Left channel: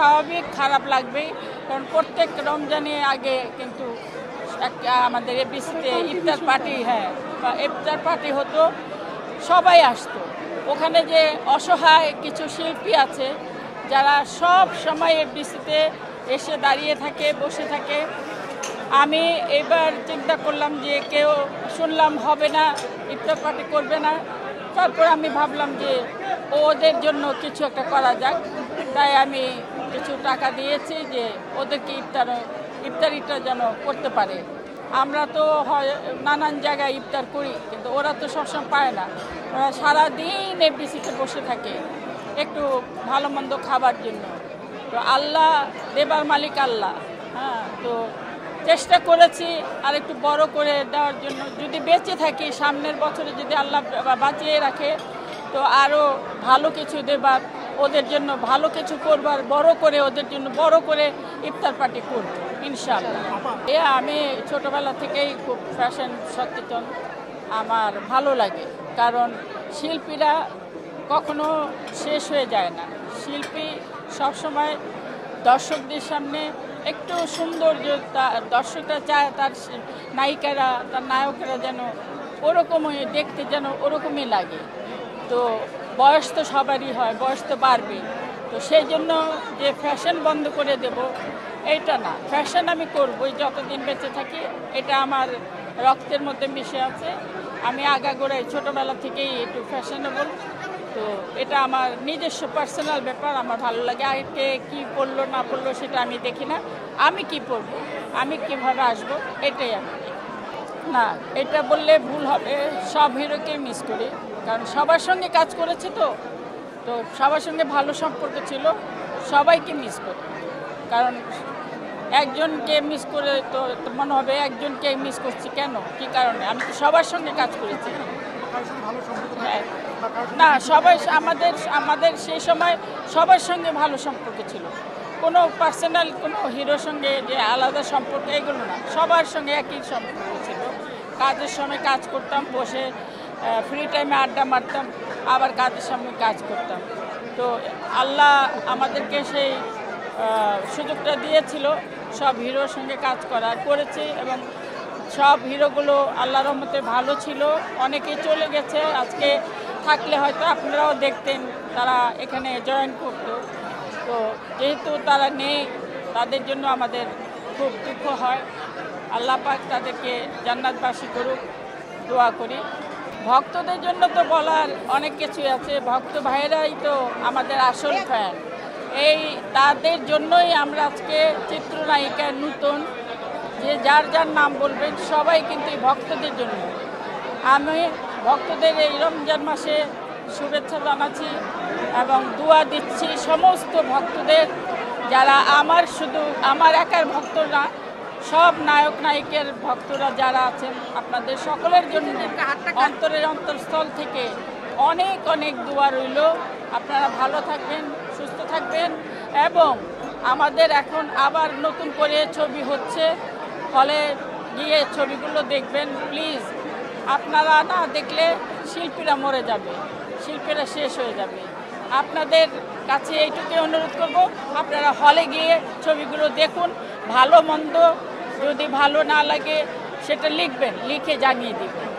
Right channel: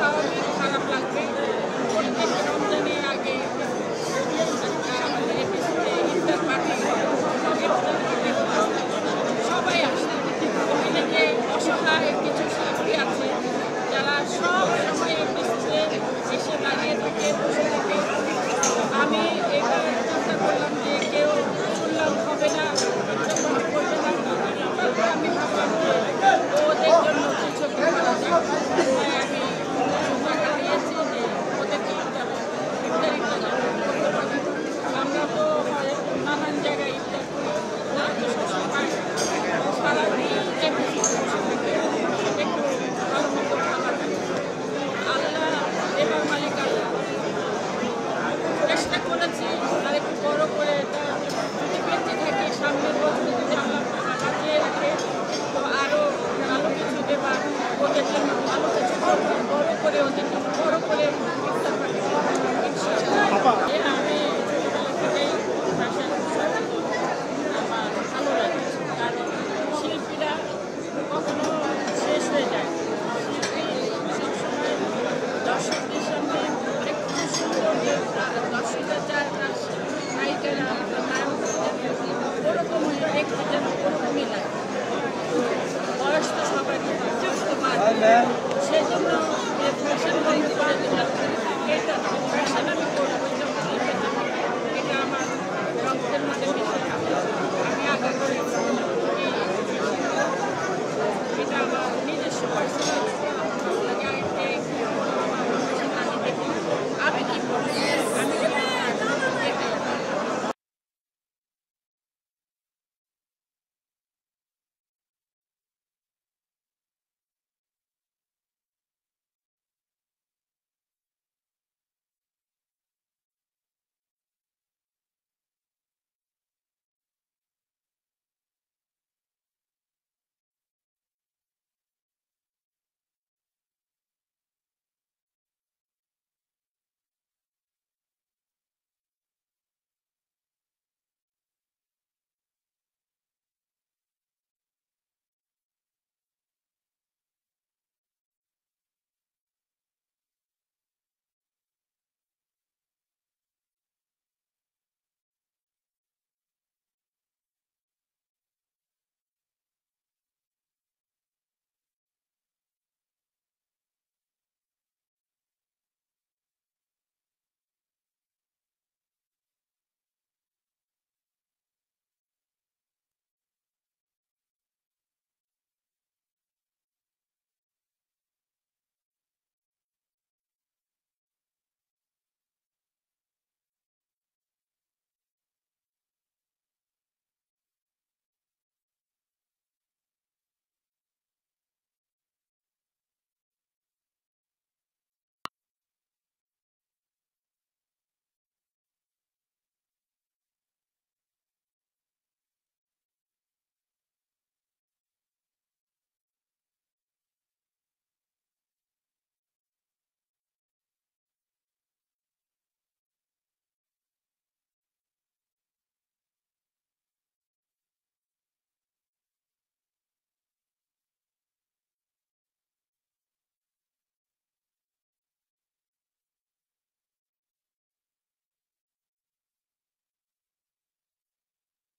স্বাভাবিক খারাপ লাগবেই, কারণ প্রত্যেক রমজানের আগে কিন্তু একটা আমাদের এপিসিতে ইফতার পার্টি ইফতার পার্টি হতো, সবাই আসতো। ওখানে যে অসহায় কিছু শিল্পী আছে যারা সব সময় এপিসিতে এসে দাঁড়িয়ে থাকে, বসে থাকে। আমি এবার চিন্তা করলাম যে কেউ শুনলাম হবে না, ইফতার পার্টি করবে না। তারপর আমি ভাবলাম যে ওদের জন্য কিছু একটা করা যাক, তাই আমি কিছু টাকা দিয়েছি যে ওদেরকে ইফতারিটা যেন করতে পারে। আমরা তো হয় নানান জায়গায় ইফতার করি, কিন্তু ওরা তো সবসময় পায় না। ওরা সারাদিন এপিসিতে বসে থাকে একটু ভালো মন্দ খাবার জন্য। আল্লাহ দেবার মালিক আল্লাহ, তো চেষ্টা করেছি আর একটু বড় করে দেওয়ার জন্য। যদি বেঁচে থাকে সামনের বছরে যদি আল্লাহ বাঁচিয়ে রাখে, তো আরও ভালো কিছু দেবার, ওদের জন্য ভালো কিছু করবার, বড় করে ওদের জন্য বড় করে ইফতার পার্টি করবো ইনশাআল্লাহ। আমি ছোটোবেলা থেকেই খুব ফ্যাশন সচেতন, আমার ভালো লাগে, কারণ শিল্পীরা কখনো শেষ হয়ে যায় না। শিল্পী সবসময় দর্শকদের সামনে একটু সুন্দর, যে দর্শকরা চায় তার নায়িকারা, তার নায়করা যেন ওরকমই দেখতে, যেন ওরকমই লাগে। তো বয়স তো সবারই হয়, বয়স তো বাড়বে, তো সেই জন্য যে ফ্যাশন বন্ধ করে দেবো এইটা না, ফ্যাশন আমি করবোই যতদিন বেঁচে থাকি। এটা আমার রক্তের মধ্যে মিশে আছে। আমি আগাগোড়া ছোটোবেলা থেকেই একটু ফ্যাশনেবল, তো এটা আমার নিজস্ব পার্সোনাল ব্যাপার। আমার ভালো লাগে। আর কে কী বলবো না বলবো সেটা আমি দেখি না, আমি কী করবো, আমি কীভাবে আসবো এটাই। না, এটা বললে ভুল হবে। সব হিরোকে মিস করি, কারণ সবার সঙ্গে কাজ করেছে, তো সবার সঙ্গে ভালো সম্পর্ক ছিল, সবাইকে মিস করি। কারণ একজনকে মিস করে তো মনে হবে একজনকে মিস করছি কেন, কী কারণে? আমি তো সবার সঙ্গে কাজ করেছি। হ্যাঁ, না, সবাই আমাদের সেই সময় সবার সঙ্গে ভালো সম্পর্ক ছিল। কোনো পার্সোনাল কোনো হিরোর সঙ্গে যে আলাদা সম্পর্ক এগুলো না, সবার সঙ্গে একই সম্পর্ক ছিল। কাজের সময় কাজ করতাম, বসে ফ্রি টাইমে আড্ডা মারতাম, আবার কাজের সময় কাজ করতাম। তো আল্লাহ আমাদেরকে সেই সুযোগটা দিয়েছিল সব হিরোর সঙ্গে কাজ করেছি, এবং সব হিরোগুলো আল্লাহর রহমতে ভালো ছিল। অনেকেই চলে গেছে, আজকে থাকলে হয়তো আপনারাও দেখতেন তারা এখানে জয়েন করতো। তো যেহেতু তারা নেই, তাদের জন্য আমাদের খুব দুঃখ হয়। আল্লাহ পাক তাদেরকে জান্নাতবাসী করুক, দোয়া করি। ভক্তদের জন্য তো বলার অনেক কিছুই আছে। ভক্ত ভাইয়েরাই তো আমাদের আসল ফ্যান। এই তাদের জন্যই আমরা আজকে চিত্রনায়িকার নতুন যে যার যার নাম বলবেন সবাই কিন্তু এই ভক্তদের জন্য। আমি ভক্তদের এই রমজান মাসে শুভেচ্ছা জানাচ্ছি এবং দোয়া দিচ্ছি সমস্ত ভক্তদের, যারা শুধু আমার একার ভক্ত না, সব নায়ক নায়িকের ভক্তরা যারা আছেন, আপনাদের সকলের জন্য অন্তরের অন্তঃস্থল থেকে অনেক অনেক দোয়া রইল। আপনারা ভালো থাকবেন, সুস্থ থাকবেন, এবং আমাদের এখন আবার নতুন করে ছবি হচ্ছে, হলে গিয়ে ছবিগুলো দেখবেন প্লিজ। আপনারা না দেখলে শিল্পীরা মরে যাবে, শিল্পীরা শেষ হয়ে যাবে। আপনাদের কাছে এইটুকুই অনুরোধ করব, আপনারা হলে গিয়ে ছবিগুলো দেখুন। ভালো মন্দ যদি ভালো না লাগে সেটা লিখবেন, লিখে জানিয়ে দিবেন।